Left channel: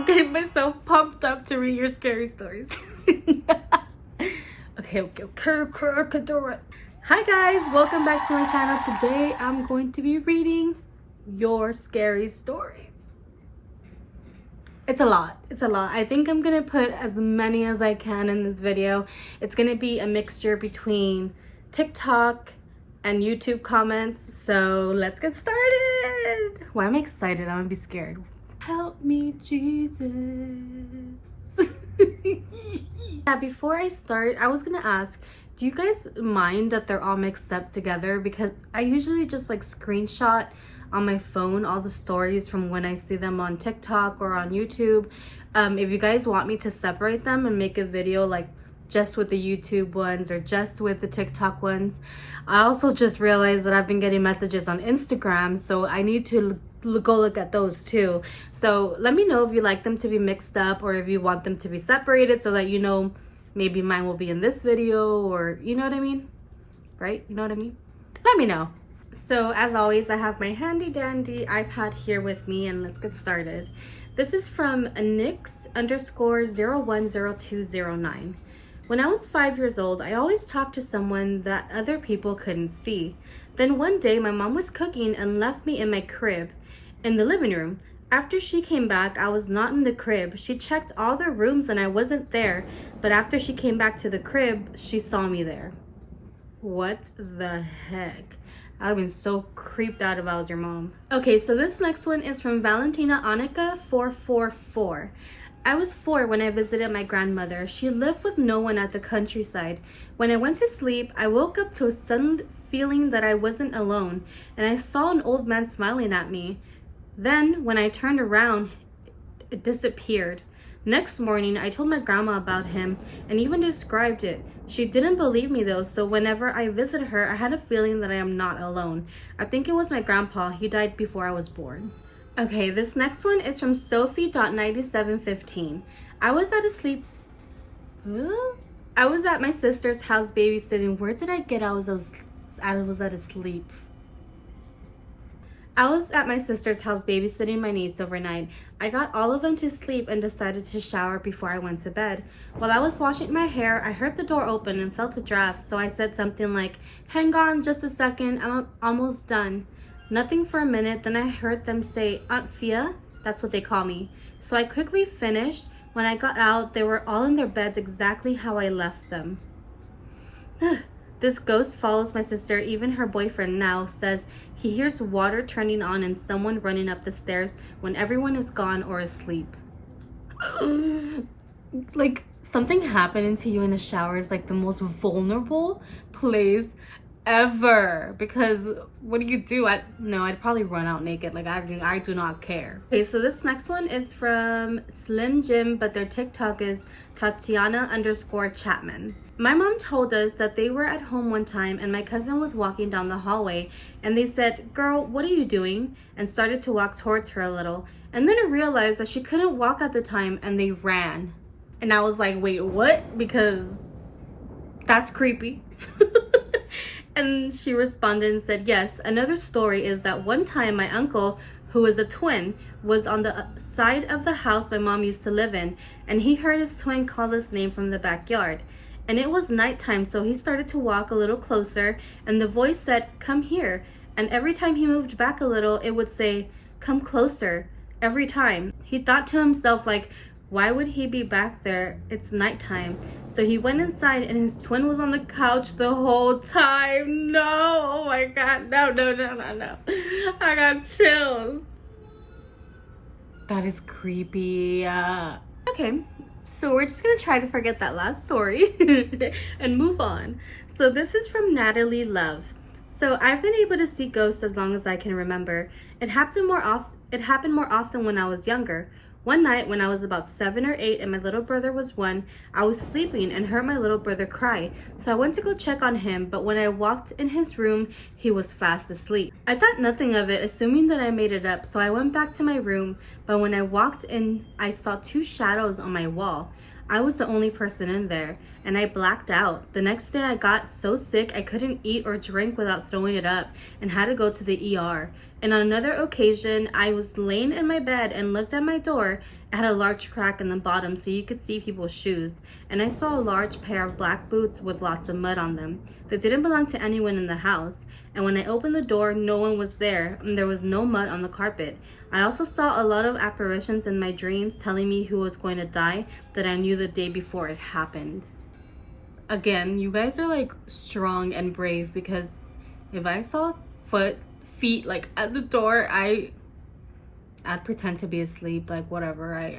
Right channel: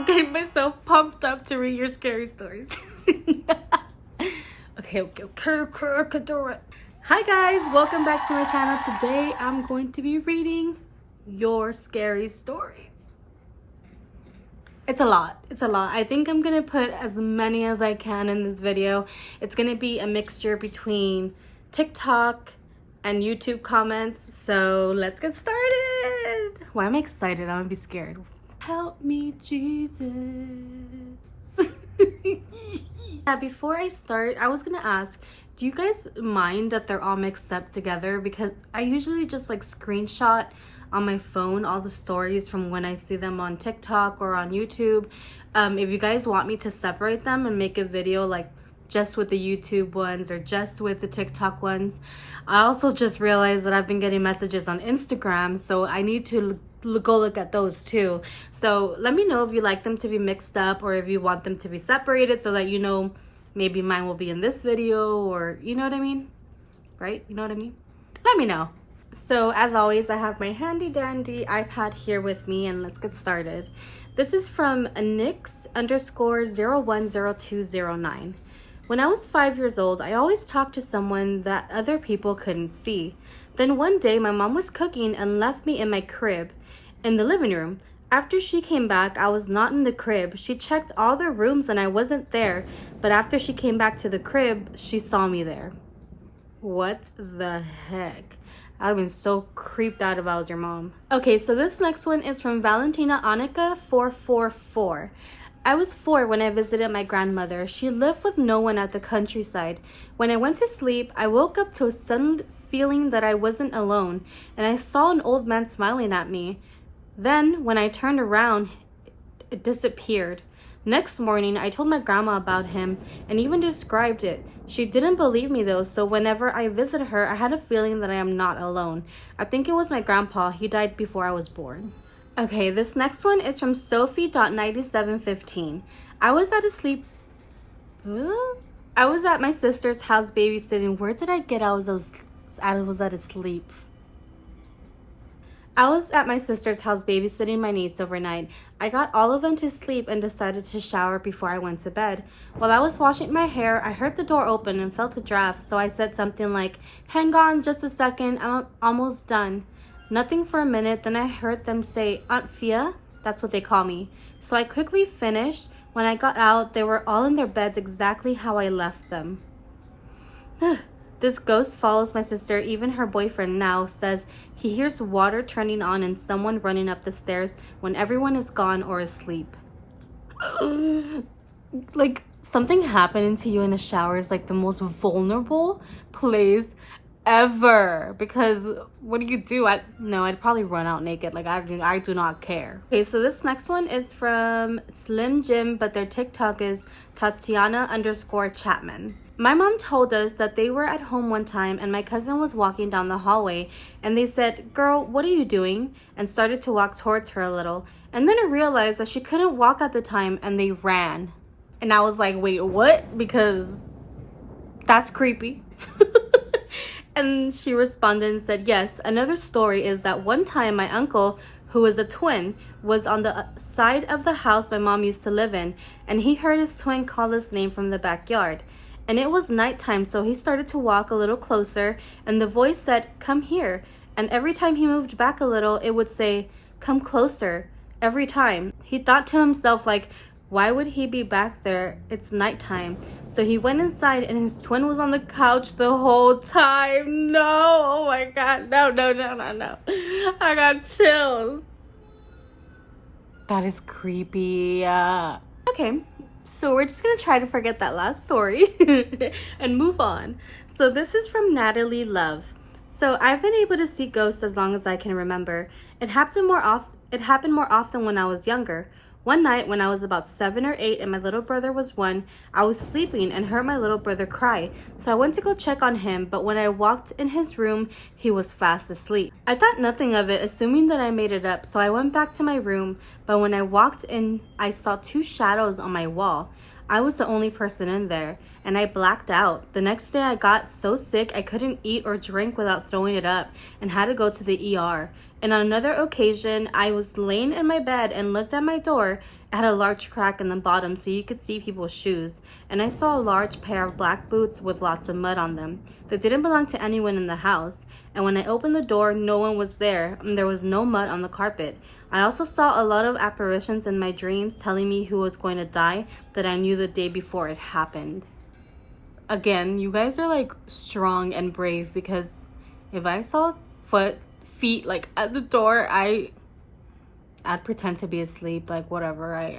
I'm getting myself pumped up to read your scary stories. Okay. Hi guys, welcome back to my channel. Today I'm going to be reading your scary stories. It's a lot. I think I'm gonna put as many as I can in this video. It's gonna be a mixture between TikTok and YouTube comments. So let's get started. Why am I excited? I'm gonna be scared. Help me, Jesus. Yeah, before I start, I was gonna ask, do you guys mind that they're all mixed up together? Because I usually just like screenshot on my phone all the stories from when I see them on TikTok or on YouTube. If you guys want me to separate them and make a video like just with the YouTube ones or just with the TikTok ones. I also just realized that I've been getting messages on Instagram, so I need to go look at those too. So let me know if you like them to be mixed up or if you want them to be separated so that you know maybe mine will be in this video, or you know what I mean, right? You know what I mean? Let me know. So as always, I have my handy dandy iPad here with me, and let's get started. This is from nix_010209. When I was 5 years old, I always talked to someone that other people couldn't see. Then one day, my mom was cooking and left me in my crib in the living room. After she came back, I was not in the crib. She checked all the rooms and I wasn't there. But after she came back to the crib, she saw me there. What the heck? I'd have been so creeped out if I was your mom. Okay, so this next one is from Valentina Annika 444. I was 4 when I visited my grandmother. She lived with no one at the countryside. When I went to sleep, I woke up to a sudden feeling that I wasn't alone, and I saw an old man smiling at me. Then, when I turned around, it disappeared. Next morning, I told my grandma about him and even described it. She didn't believe me though, so whenever I visited her, I had a feeling that I am not alone. I think it was my grandpa. He died before I was born. Okay, this next one is from Sophie.9715. I was at my sister's house babysitting. Where did I get I was at asleep? I was at my sister's house babysitting my niece overnight. I got all of them to sleep and decided to shower before I went to bed. While I was washing my hair, I heard the door open and felt a draft, so I said something like, "Hang on just a second, I'm almost done." Nothing for a minute, then I heard them say, "Aunt Fia?" That's what they call me. So I quickly finished. When I got out, they were all in their beds exactly how I left them. This ghost follows my sister. Even her boyfriend now says he hears water turning on and someone running up the stairs when everyone is gone or asleep. Like, something happening to you in a shower is like the most vulnerable place ever, because what do? I'd probably run out naked. Like, I do not care. Okay, so this next one is from Slim Jim, but their TikTok is Tatiana_Chapman. My mom told us that they were at home one time and my cousin was walking down the hallway and they said, "Girl, what are you doing?" and started to walk towards her a little. And then I realized that she couldn't walk at the time and they ran. And I was like, wait, what? Because that's creepy. And she responded and said, "Yes, another story is that one time my uncle, who is a twin, was on the side of the house my mom used to live in, and he heard his twin call his name from the backyard. And it was nighttime, so he started to walk a little closer, and the voice said, 'Come here.' And every time he moved back a little, it would say, 'Come closer,' every time. He thought to himself, like, why would he be back there? It's nighttime. So he went inside and his twin was on the couch the whole time." No, oh my God, no. I got chills. That is creepy. Okay, so we're just gonna try to forget that last story and move on. So this is from Natalie Love. So I've been able to see ghosts as long as I can remember. It happened more often when I was younger. One night when I was about 7 or 8 and my little brother was 1, I was sleeping and heard my little brother cry. So I went to go check on him, but when I walked in his room, he was fast asleep. I thought nothing of it, assuming that I made it up, so I went back to my room, but when I walked in, I saw 2 shadows on my wall. I was the only person in there, and I blacked out. The next day I got so sick I couldn't eat or drink without throwing it up and had to go to the ER. And on another occasion, I was laying in my bed and looked at my door. It had a large crack in the bottom so you could see people's shoes. And I saw a large pair of black boots with lots of mud on them. They didn't belong to anyone in the house. And when I opened the door, no one was there, and there was no mud on the carpet. I also saw a lot of apparitions in my dreams telling me who was going to die that I knew the day before it happened. Again, you guys are like strong and brave, because if I saw feet like at the door, I'd pretend to be asleep, like whatever.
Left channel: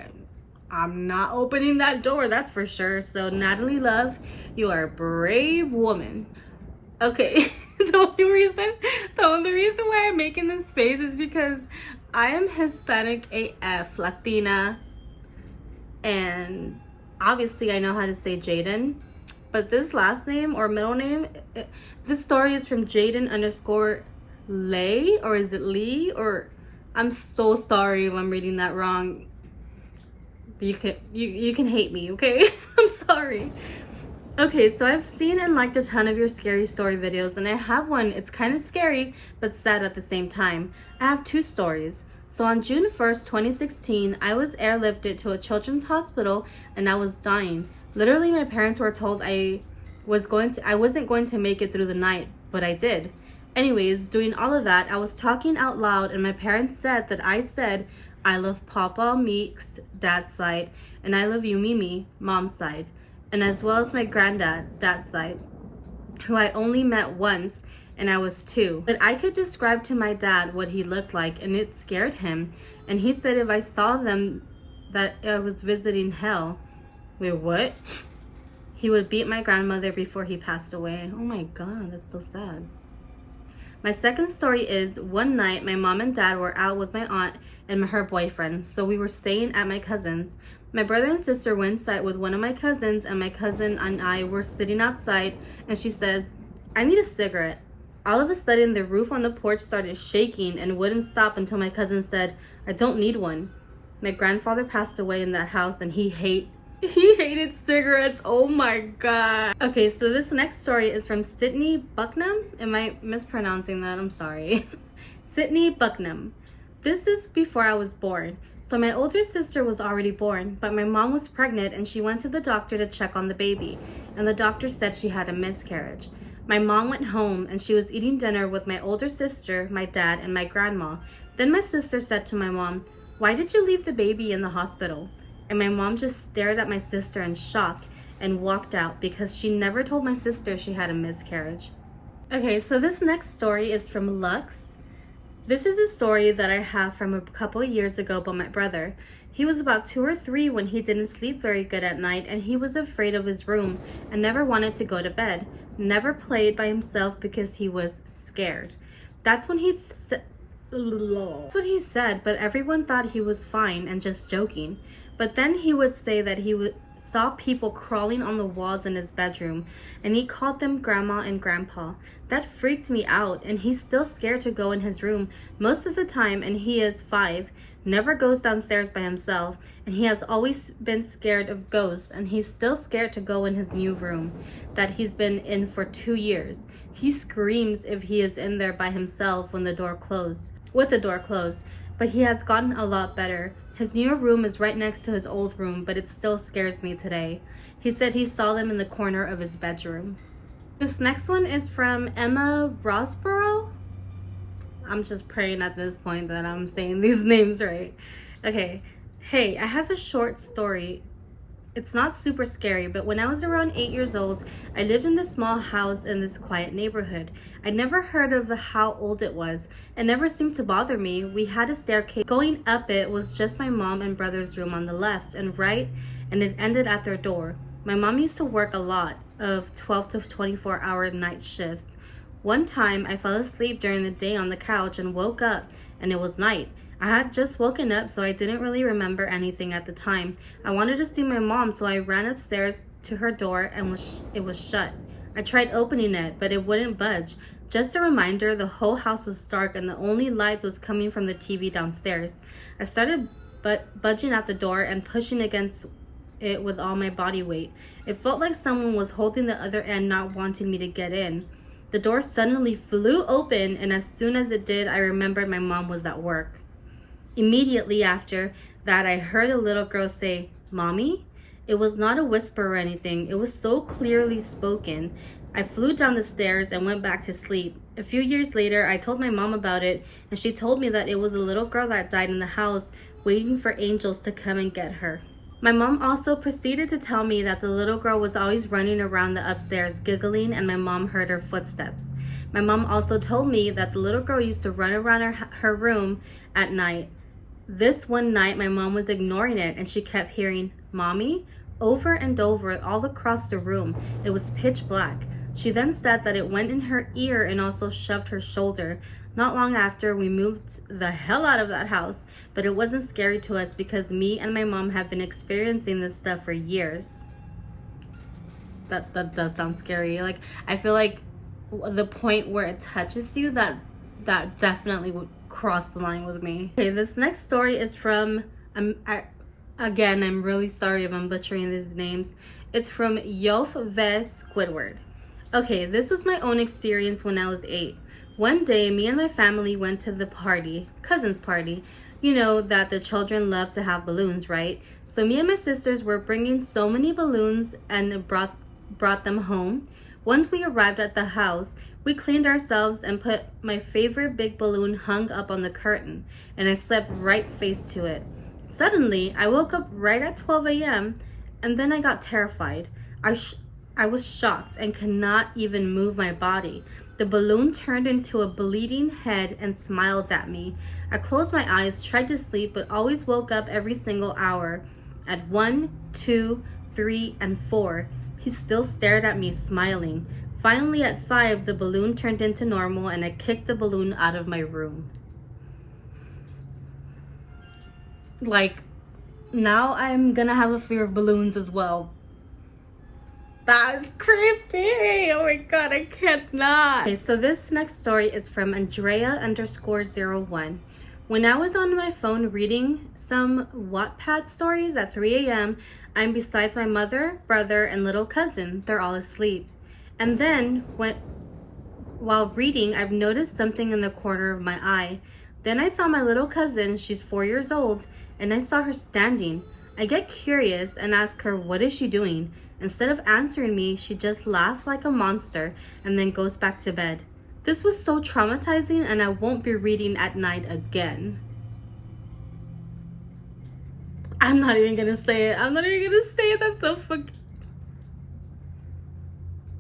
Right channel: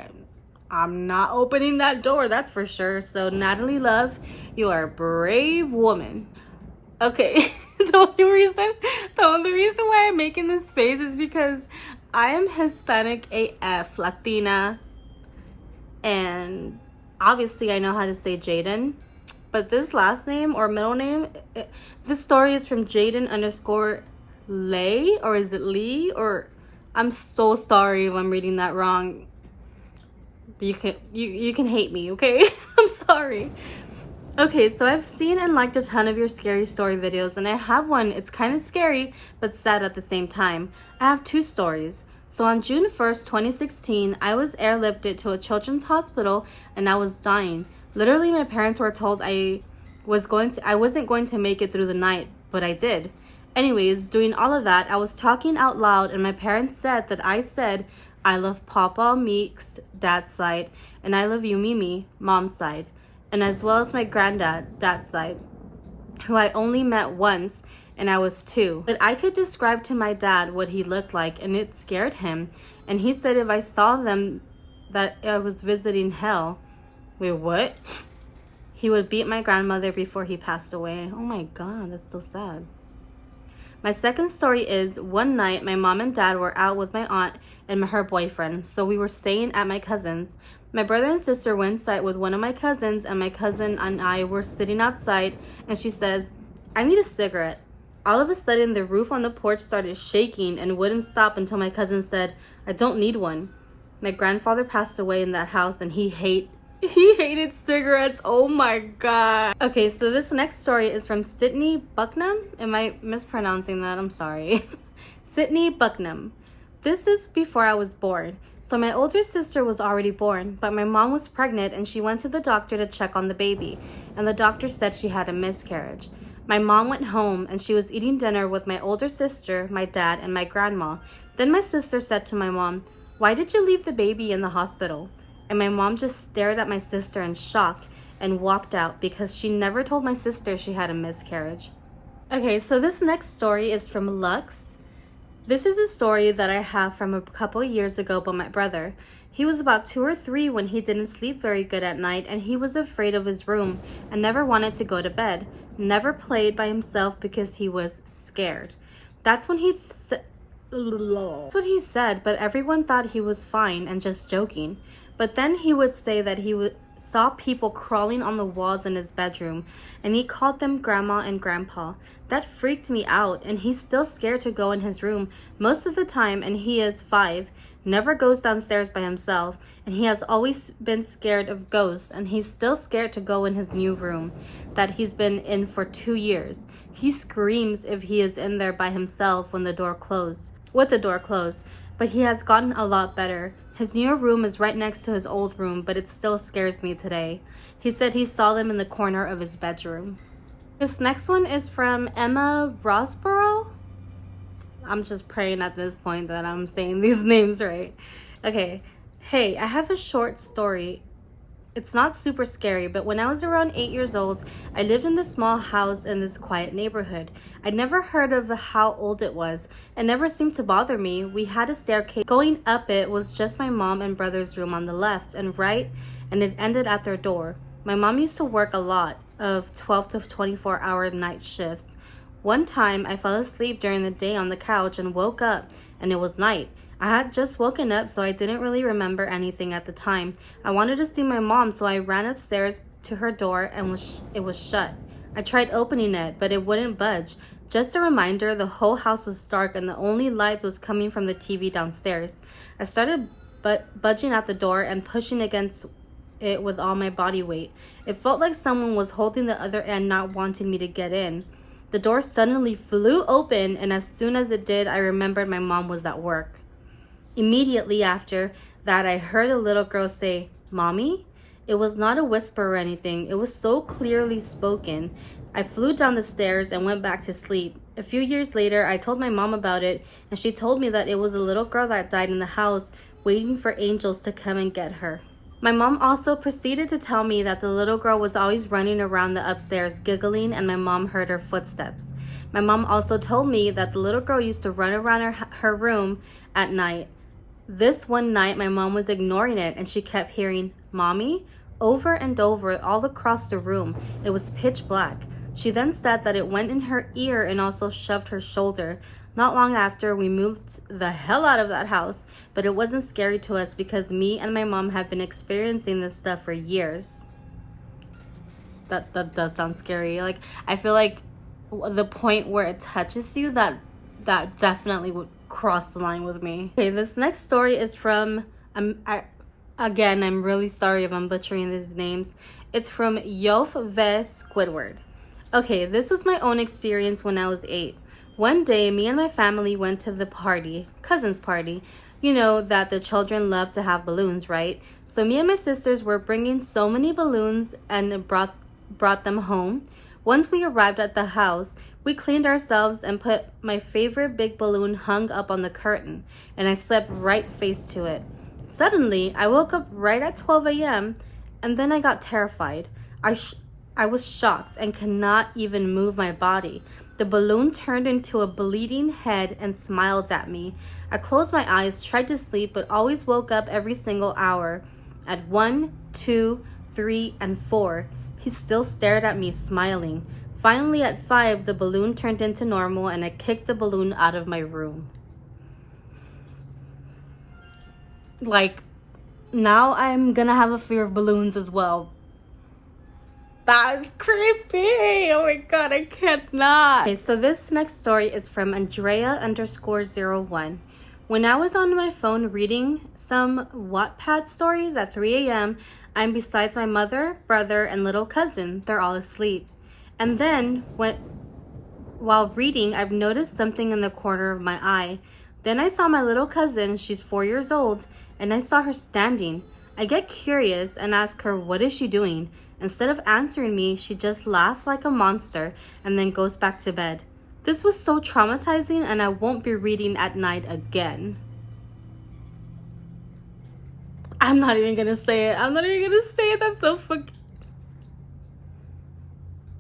I'm not opening that door, that's for sure. So Natalie Love, you are a brave woman. Okay. The only reason why I'm making this face is because I am Hispanic AF, Latina, and obviously I know how to say Jaden, but this last name or middle name, this story is from Jaden_Lay, or is it Lee? Or I'm so sorry if I'm reading that wrong. You can hate me, okay? I'm sorry. Okay, so I've seen and liked a ton of your scary story videos, and I have one. It's kind of scary but sad at the same time. I have 2 stories. So on June 1st, 2016, I was airlifted to a children's hospital and I was dying. Literally, my parents were told I wasn't going to make it through the night, but I did. Anyways, doing all of that, I was talking out loud, and my parents said that I said, "I love Papa Meeks, dad's side, and I love you, Mimi, mom's side," and as well as my granddad, dad's side, who I only met once, and I was 2. But I could describe to my dad what he looked like, and it scared him. And he said if I saw them, that I was visiting hell. Wait, what? He would beat my grandmother before he passed away. Oh my God, that's so sad. My second story is, one night my mom and dad were out with my aunt and her boyfriend, so we were staying at my cousin's. My brother and sister went inside with one of my cousins, and my cousin and I were sitting outside, and she says, "I need a cigarette." All of a sudden, the roof on the porch started shaking and wouldn't stop until my cousin said, "I don't need one." My grandfather passed away in that house, and he hated cigarettes. Oh my God. Okay, so this next story is from Sydney Bucknam. Am I mispronouncing that? I'm sorry. Sydney Bucknam. This is before I was born. So my older sister was already born, but my mom was pregnant and she went to the doctor to check on the baby, and the doctor said she had a miscarriage. My mom went home and she was eating dinner with my older sister, my dad, and my grandma. Then my sister said to my mom, "Why did you leave the baby in the hospital?" And my mom just stared at my sister in shock and walked out, because she never told my sister she had a miscarriage. Okay, so this next story is from Lux. This is a story that I have from a couple years ago about my brother. He was about 2 or 3 when he didn't sleep very good at night, and he was afraid of his room and never wanted to go to bed. Never played by himself because he was scared. That's what he said, but everyone thought he was fine and just joking. But then he would say that he saw people crawling on the walls in his bedroom, and he called them grandma and grandpa. That freaked me out, and he's still scared to go in his room most of the time, and he is 5, never goes downstairs by himself, and he has always been scared of ghosts, and he's still scared to go in his new room that he's been in for 2 years. He screams if he is in there by himself with the door closed, but he has gotten a lot better. His new room is right next to his old room, but it still scares me today. He said he saw them in the corner of his bedroom. This next one is from Emma Rosboro. I'm just praying at this point that I'm saying these names right. Okay. Hey, I have a short story. It's not super scary, but when I was around 8 years old, I lived in this small house in this quiet neighborhood. I'd never heard of how old it was. It never seemed to bother me. We had a staircase. Going up it was just my mom and brother's room on the left and right, and it ended at their door. My mom used to work a lot of 12 to 24-hour night shifts. One time, I fell asleep during the day on the couch and woke up, and it was night. I had just woken up, so I didn't really remember anything at the time. I wanted to see my mom, so I ran upstairs to her door, and it was shut. I tried opening it, but it wouldn't budge. Just a reminder, the whole house was dark, and the only lights was coming from the TV downstairs. I started budging at the door and pushing against it with all my body weight. It felt like someone was holding the other end, not wanting me to get in. The door suddenly flew open, and as soon as it did, I remembered my mom was at work. Immediately after that, I heard a little girl say, "Mommy?" It was not a whisper or anything. It was so clearly spoken. I flew down the stairs and went back to sleep. A few years later, I told my mom about it, and she told me that it was a little girl that died in the house, waiting for angels to come and get her. My mom also proceeded to tell me that the little girl was always running around the upstairs giggling, and my mom heard her footsteps. My mom also told me that the little girl used to run around her room at night. This one night, my mom was ignoring it, and she kept hearing, "Mommy?" over and over all across the room. It was pitch black. She then said that it went in her ear and also shoved her shoulder. Not long after, we moved the hell out of that house, but it wasn't scary to us because me and my mom have been experiencing this stuff for years. That does sound scary. Like, I feel like the point where it touches you, that definitely would cross the line with me. Okay, this next story is from, again, I'm really sorry if I'm butchering these names. It's from yoursquidward. Okay, this was my own experience when I was 8. One day, me and my family went to the party, cousin's party. You know that the children love to have balloons, right? So me and my sisters were bringing so many balloons and brought them home. Once we arrived at the house, we cleaned ourselves and put my favorite big balloon hung up on the curtain, and I slept right face to it. Suddenly, I woke up right at 12 a.m. and then I got terrified. I was shocked and could not even move my body. The balloon turned into a bleeding head and smiled at me. I closed my eyes, tried to sleep, but always woke up every single hour. At 1, 2, 3, and 4, he still stared at me, smiling. Finally, at 5, the balloon turned into normal, and I kicked the balloon out of my room. Like, now I'm gonna have a fear of balloons as well. That's creepy. Oh my god, I can't not. Okay, so this next story is from Andrea_01. When I was on my phone reading some Wattpad stories at 3 a.m., I'm besides my mother, brother, and little cousin. They're all asleep. And then, while reading, I've noticed something in the corner of my eye. Then I saw my little cousin, she's 4 years old, and I saw her standing. I get curious and ask her, what is she doing? Instead of answering me, she just laughed like a monster and then goes back to bed. This was so traumatizing, and I won't be reading at night again. I'm not even gonna say it.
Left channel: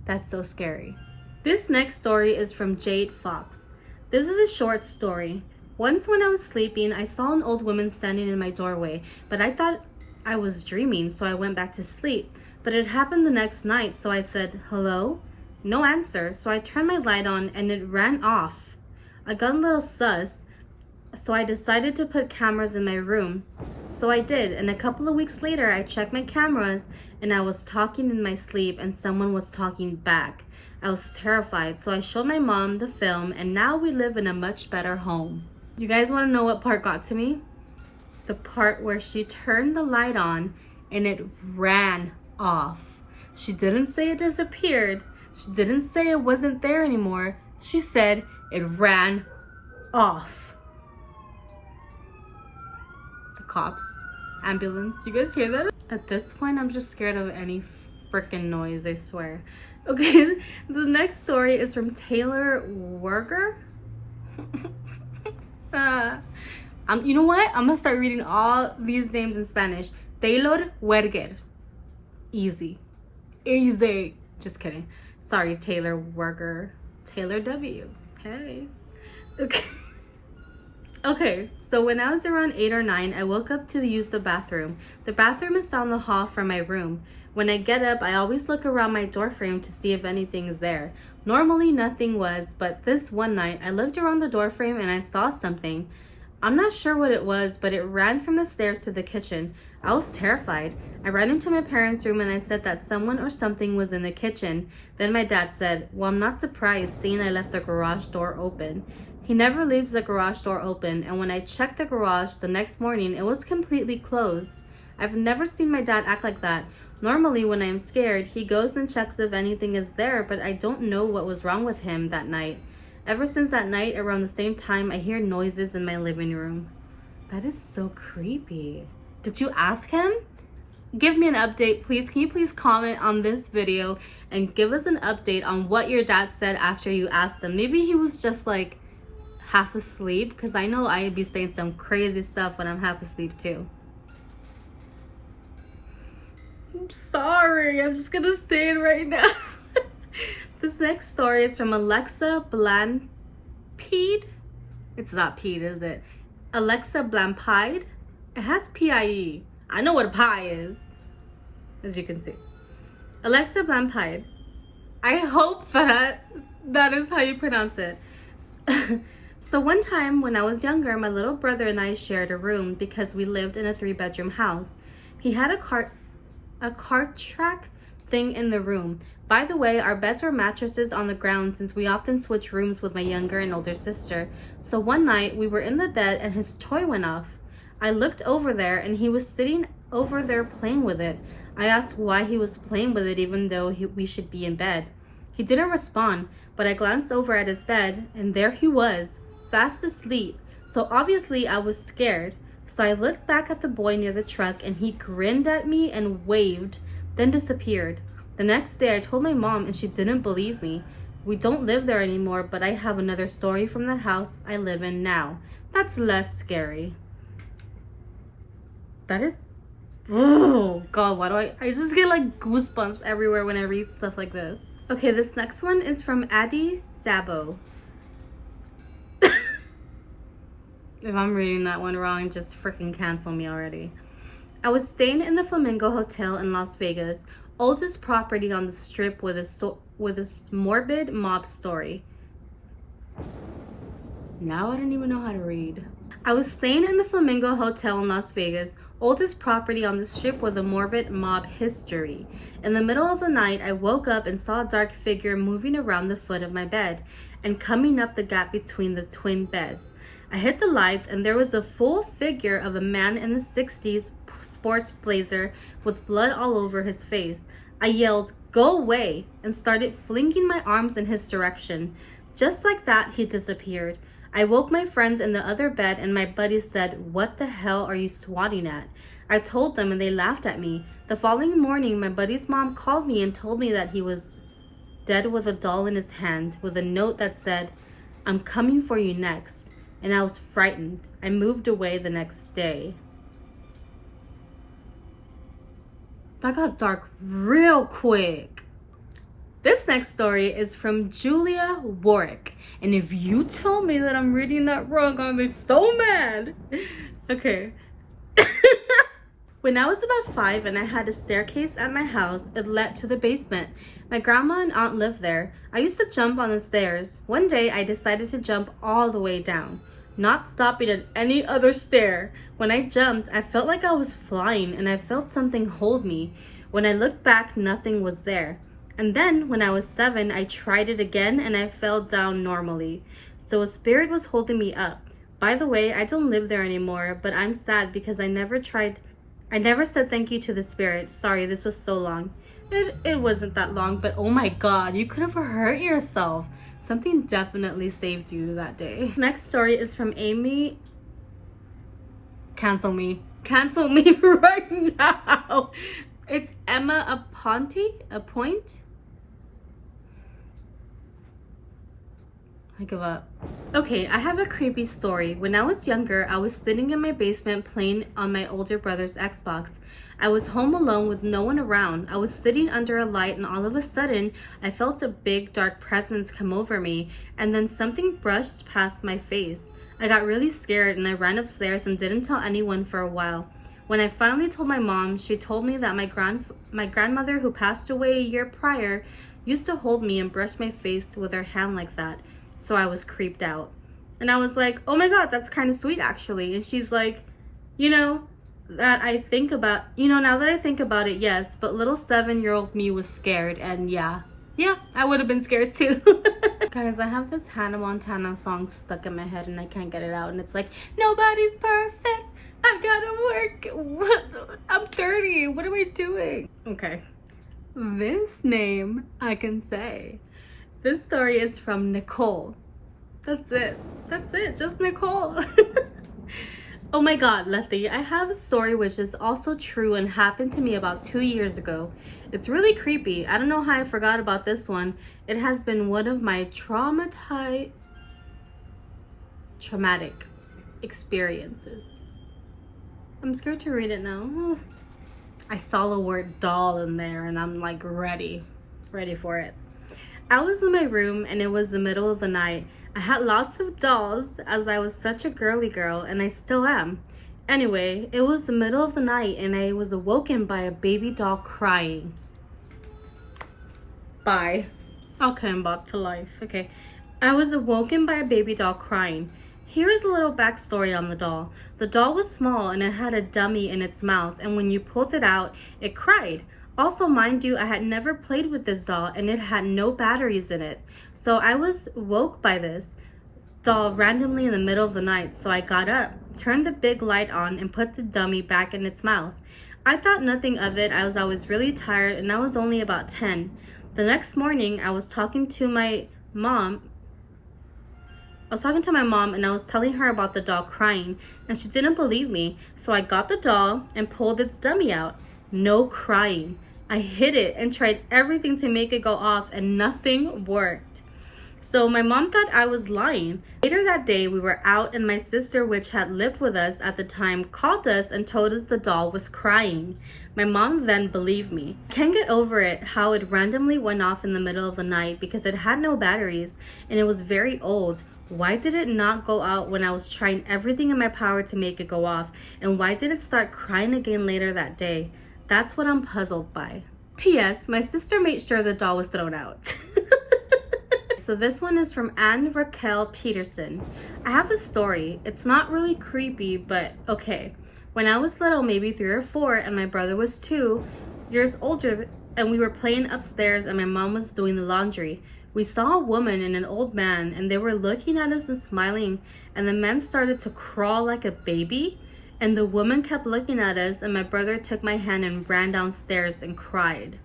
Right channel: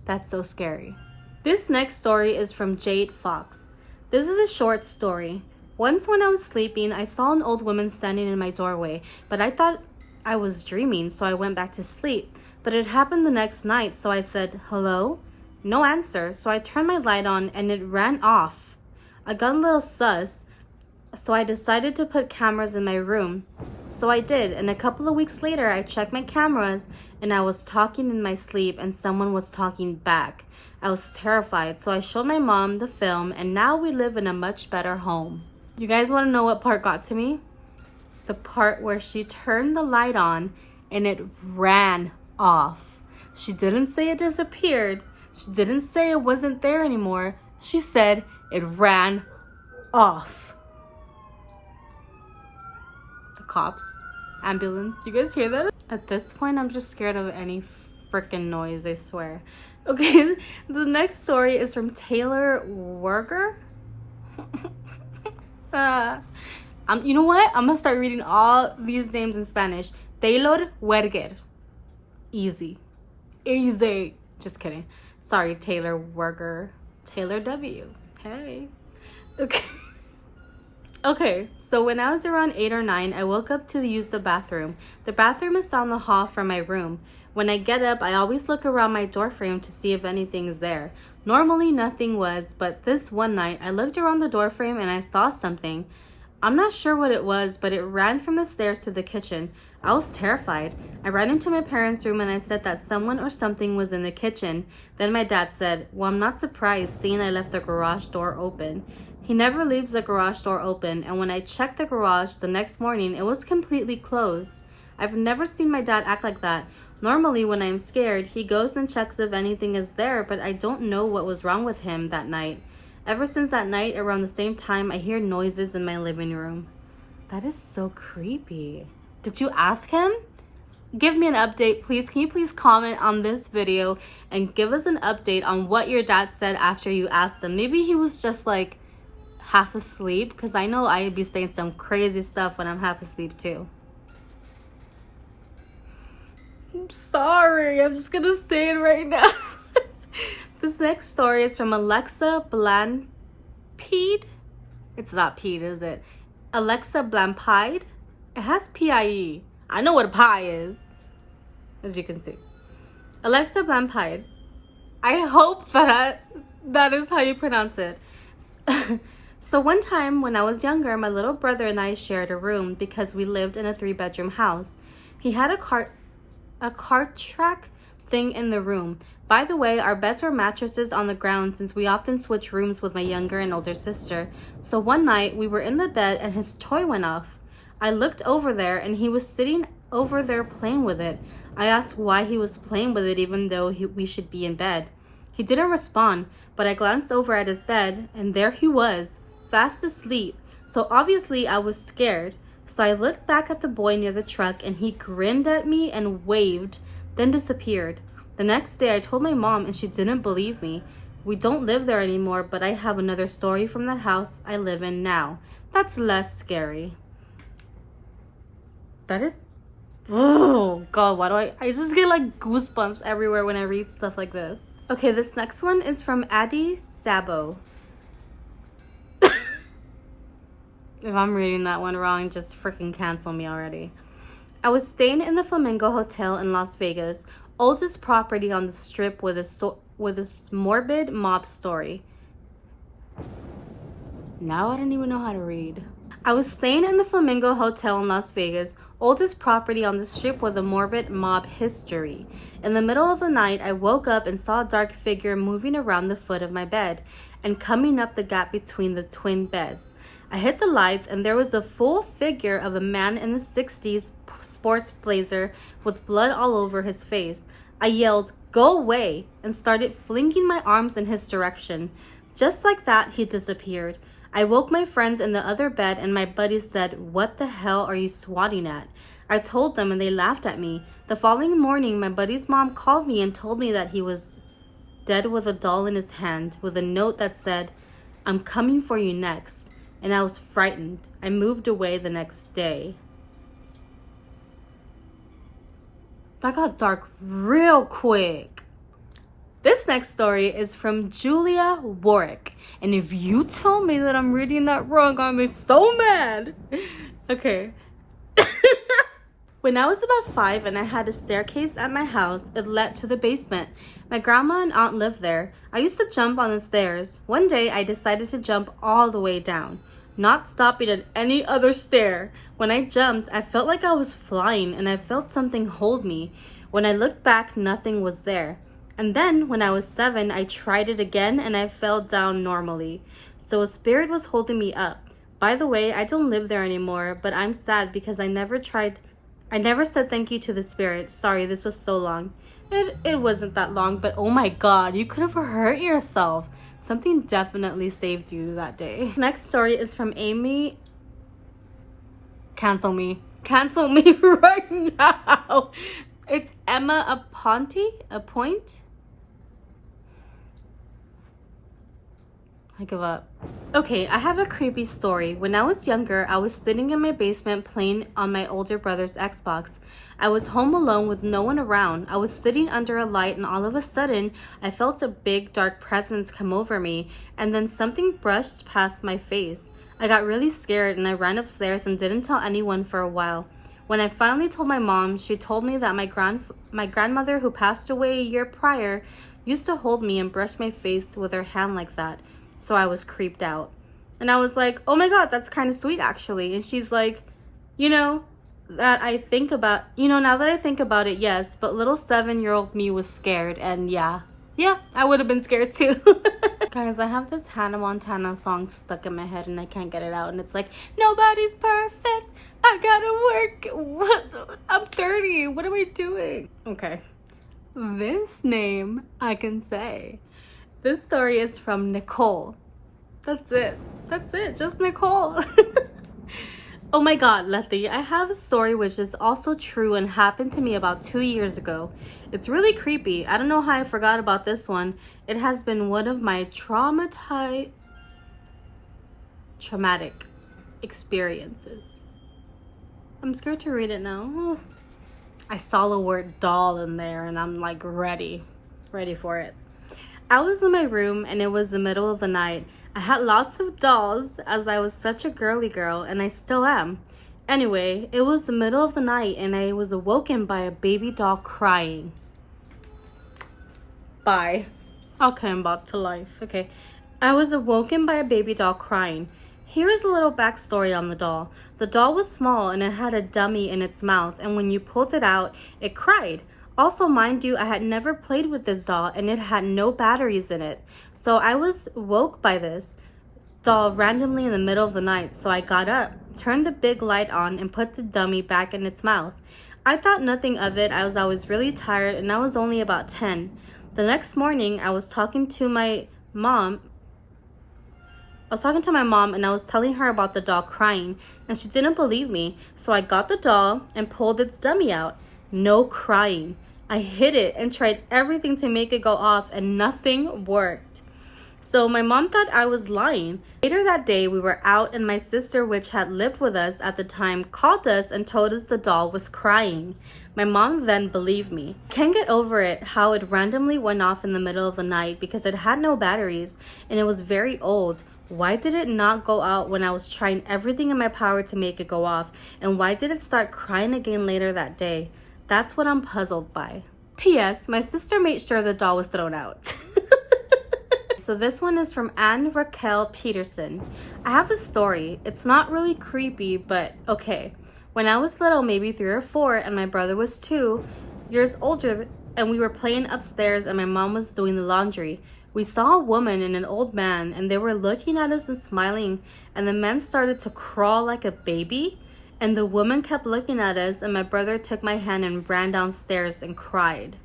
That's so scary. This next story is from jadefox. This is a short story. Once when I was sleeping, I saw an old woman standing in my doorway, but I thought I was dreaming, so I went back to sleep. But it happened the next night, so I said, "Hello?" No answer, so I turned my light on and it ran off. I got a little sus, so I decided to put cameras in my room. So I did, and a couple of weeks later, I checked my cameras and I was talking in my sleep and someone was talking back. I was terrified, so I showed my mom the film, and now we live in a much better home. You guys want to know what part got to me? The part where she turned the light on and it ran off. She didn't say it disappeared. She didn't say it wasn't there anymore. She said it ran off. The cops, ambulance, do you guys hear that? At this point, I'm just scared of any freaking noise, I swear. Okay, the next story is from taylorwerker. You know what? I'm gonna start reading all these names in Spanish. Taylorwerker. Easy. Just kidding. Sorry, taylorwerker. Taylor W. Hey. Okay. Okay, so when I was around 8 or 9, I woke up to use the bathroom. The bathroom is down the hall from my room. When I get up, I always look around my doorframe to see if anything is there. Normally, nothing was, but this one night, I looked around the doorframe and I saw something. I'm not sure what it was, but it ran from the stairs to the kitchen. I was terrified. I ran into my parents' room and I said that someone or something was in the kitchen. Then my dad said, "Well, I'm not surprised, seeing I left the garage door open." He never leaves the garage door open, and when I checked the garage the next morning, it was completely closed. I've never seen my dad act like that. Normally, when I'm scared, he goes and checks if anything is there, but I don't know what was wrong with him that night. Ever since that night, around the same time, I hear noises in my living room. That is so creepy. Did you ask him? Give me an update, please. Can you please comment on this video and give us an update on what your dad said after you asked him? Maybe he was just like half asleep, because I know I'd be saying some crazy stuff when I'm half asleep too. I'm sorry, I'm just gonna say it right now. This next story is from alexablanpide. It's not Pete, is it? Alexablanpide. It has P-I-E. I know what a pie is, as you can see. Alexablanpide. I hope that is how you pronounce it. So one time when I was younger, my little brother and I shared a room because we lived in a 3-bedroom house. He had a cart track thing in the room. By the way, our beds were mattresses on the ground since we often switched rooms with my younger and older sister. So one night we were in the bed and his toy went off. I looked over there and he was sitting over there playing with it. I asked why he was playing with it even though we should be in bed. He didn't respond, but I glanced over at his bed and there he was, fast asleep. So obviously I was scared. So I looked back at the boy near the truck and he grinned at me and waved, then disappeared. The next day I told my mom and she didn't believe me. We don't live there anymore, but I have another story from that house I live in now. That's less scary. That is, oh God, why do I just get like goosebumps everywhere when I read stuff like this. Okay, this next one is from addiesabo. If I'm reading that one wrong, just freaking cancel me already. I was staying in the Flamingo Hotel in Las Vegas, oldest property on the strip with a morbid mob story. Now I don't even know how to read. I was staying in the Flamingo Hotel in Las Vegas, oldest property on the strip with a morbid mob history. In the middle of the night, I woke up and saw a dark figure moving around the foot of my bed and coming up the gap between the twin beds. I hit the lights and there was a full figure of a man in the 60s sports blazer with blood all over his face. I yelled, "Go away," and started flinging my arms in his direction. Just like that, he disappeared. I woke my friends in the other bed and my buddies said, "What the hell are you swatting at?" I told them and they laughed at me. The following morning, my buddy's mom called me and told me that he was dead with a doll in his hand with a note that said, "I'm coming for you next." And I was frightened. I moved away the next day. That got dark real quick. This next story is from Juliawarwick. And if you told me that I'm reading that wrong, I'm gonna be so mad. Okay. When I was about 5 and I had a staircase at my house, it led to the basement. My grandma and aunt lived there. I used to jump on the stairs. One day I decided to jump all the way down, not stopping at any other stair. When I jumped, I felt like I was flying and I felt something hold me. When I looked back, nothing was there. And then when I was 7, I tried it again and I fell down normally. So a spirit was holding me up. By the way, I don't live there anymore, but I'm sad because I never said thank you to the spirit. Sorry, this was so long. It wasn't that long, but oh my God, you could have hurt yourself. Something definitely saved you that day. Next story is from Amy. Cancel me right now. It's emmaponte. I give up. Okay, I have a creepy story. When I was younger, I was sitting in my basement playing on my older brother's Xbox. I was home alone with no one around. I was sitting under a light and all of a sudden, I felt a big dark presence come over me and then something brushed past my face. I got really scared and I ran upstairs and didn't tell anyone for a while. When I finally told my mom, she told me that my grandmother who passed away a year prior used to hold me and brush my face with her hand like that. So I was creeped out. And I was like, oh my God, that's kind of sweet actually. And she's like, now that I think about it, yes, but little 7-year-old me was scared. And yeah, I would have been scared too. Guys, I have this Hannah Montana song stuck in my head and I can't get it out. And it's like, nobody's perfect, I gotta work. What? I'm 30. What am I doing? Okay. This name I can say. This story is from Nicole. That's it. That's it. Just Nicole. Oh my god, Letty, I have a story which is also true and happened to me about 2 years ago. It's really creepy. I don't know how I forgot about this one. It has been one of my traumatic experiences. I'm scared to read it now. I saw the word doll in there and I'm like ready for it. I was in my room and it was the middle of the night. I had lots of dolls as I was such a girly girl, and I still am. Anyway, it was the middle of the night and I was awoken by a baby doll crying. Bye. I'll come back to life. Okay. I was awoken by a baby doll crying. Here is a little backstory on the doll. The doll was small and it had a dummy in its mouth, and when you pulled it out, it cried. Also, mind you, I had never played with this doll and it had no batteries in it. So I was woke by this doll randomly in the middle of the night. So I got up, turned the big light on, and put the dummy back in its mouth. I thought nothing of it as I was really tired and I was only about 10. The next morning, I was talking to my mom and I was telling her about the doll crying, and she didn't believe me. So I got the doll and pulled its dummy out. No crying. I hid it and tried everything to make it go off and nothing worked. So my mom thought I was lying. Later that day, we were out and my sister, which had lived with us at the time, called us and told us the doll was crying. My mom then believed me. Can't get over it how it randomly went off in the middle of the night because it had no batteries and it was very old. Why did it not go out when I was trying everything in my power to make it go off? And why did it start crying again later that day? That's what I'm puzzled by. P.S. My sister made sure the doll was thrown out. So this one is from Raquel Peterson. I have a story. It's not really creepy, but okay. When I was little, maybe 3 or 4, and my brother was 2 years older, and we were playing upstairs and my mom was doing the laundry, we saw a woman and an old man, and they were looking at us and smiling, and the man started to crawl like a baby, and the woman kept looking at us, and my brother took my hand and ran downstairs and cried.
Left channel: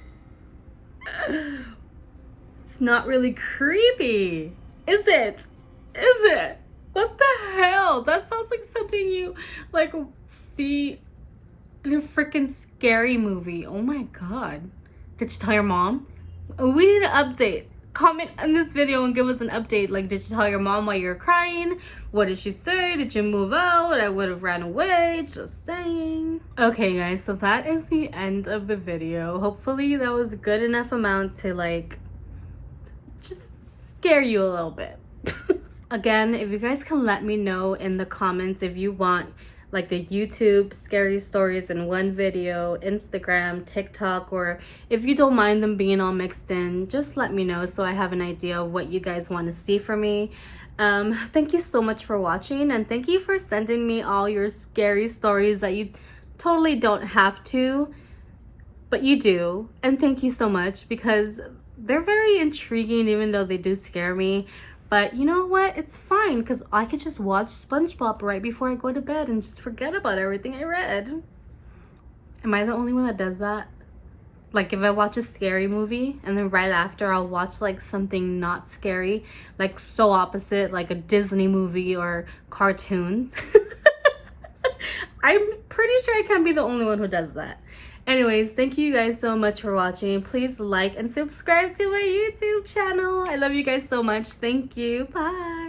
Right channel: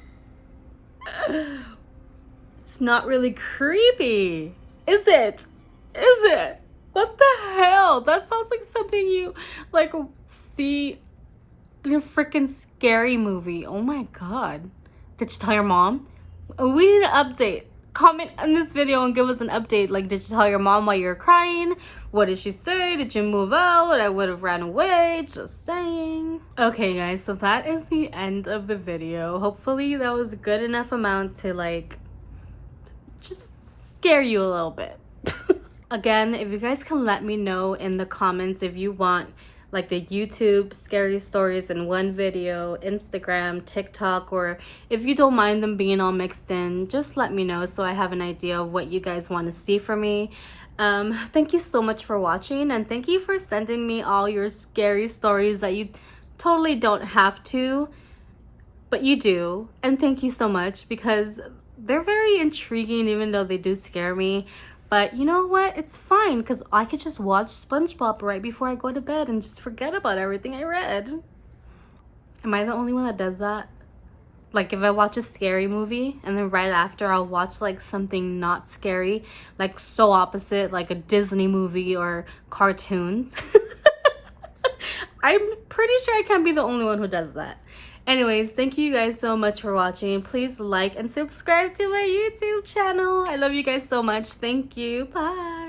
It's not really creepy, is it? Is it? What the hell? That sounds like something you like see in a freaking scary movie. Oh my god. Did you tell your mom? We need an update. Comment on this video and give us an update. Like, did you tell your mom while you were crying? What did she say? Did you move out? I would have ran away. Just saying. Okay guys, so that is the end of the video. Hopefully that was a good enough amount to like just scare you a little bit. Again, if you guys can let me know in the comments if you want like the YouTube scary stories in one video, Instagram, TikTok, or if you don't mind them being all mixed in, just let me know so I have an idea of what you guys want to see from me. Thank you so much for watching, and thank you for sending me all your scary stories that you totally don't have to, but you do. And thank you so much because they're very intriguing even though they do scare me. But you know what? It's fine because I could just watch SpongeBob right before I go to bed and just forget about everything I read. Am I the only one that does that? Like if I watch a scary movie and then right after I'll watch like something not scary, like so opposite, like a Disney movie or cartoons. I'm pretty sure I can't be the only one who does that. Anyways, thank you guys so much for watching. Please like and subscribe to my YouTube channel. I love you guys so much. Thank you. Bye.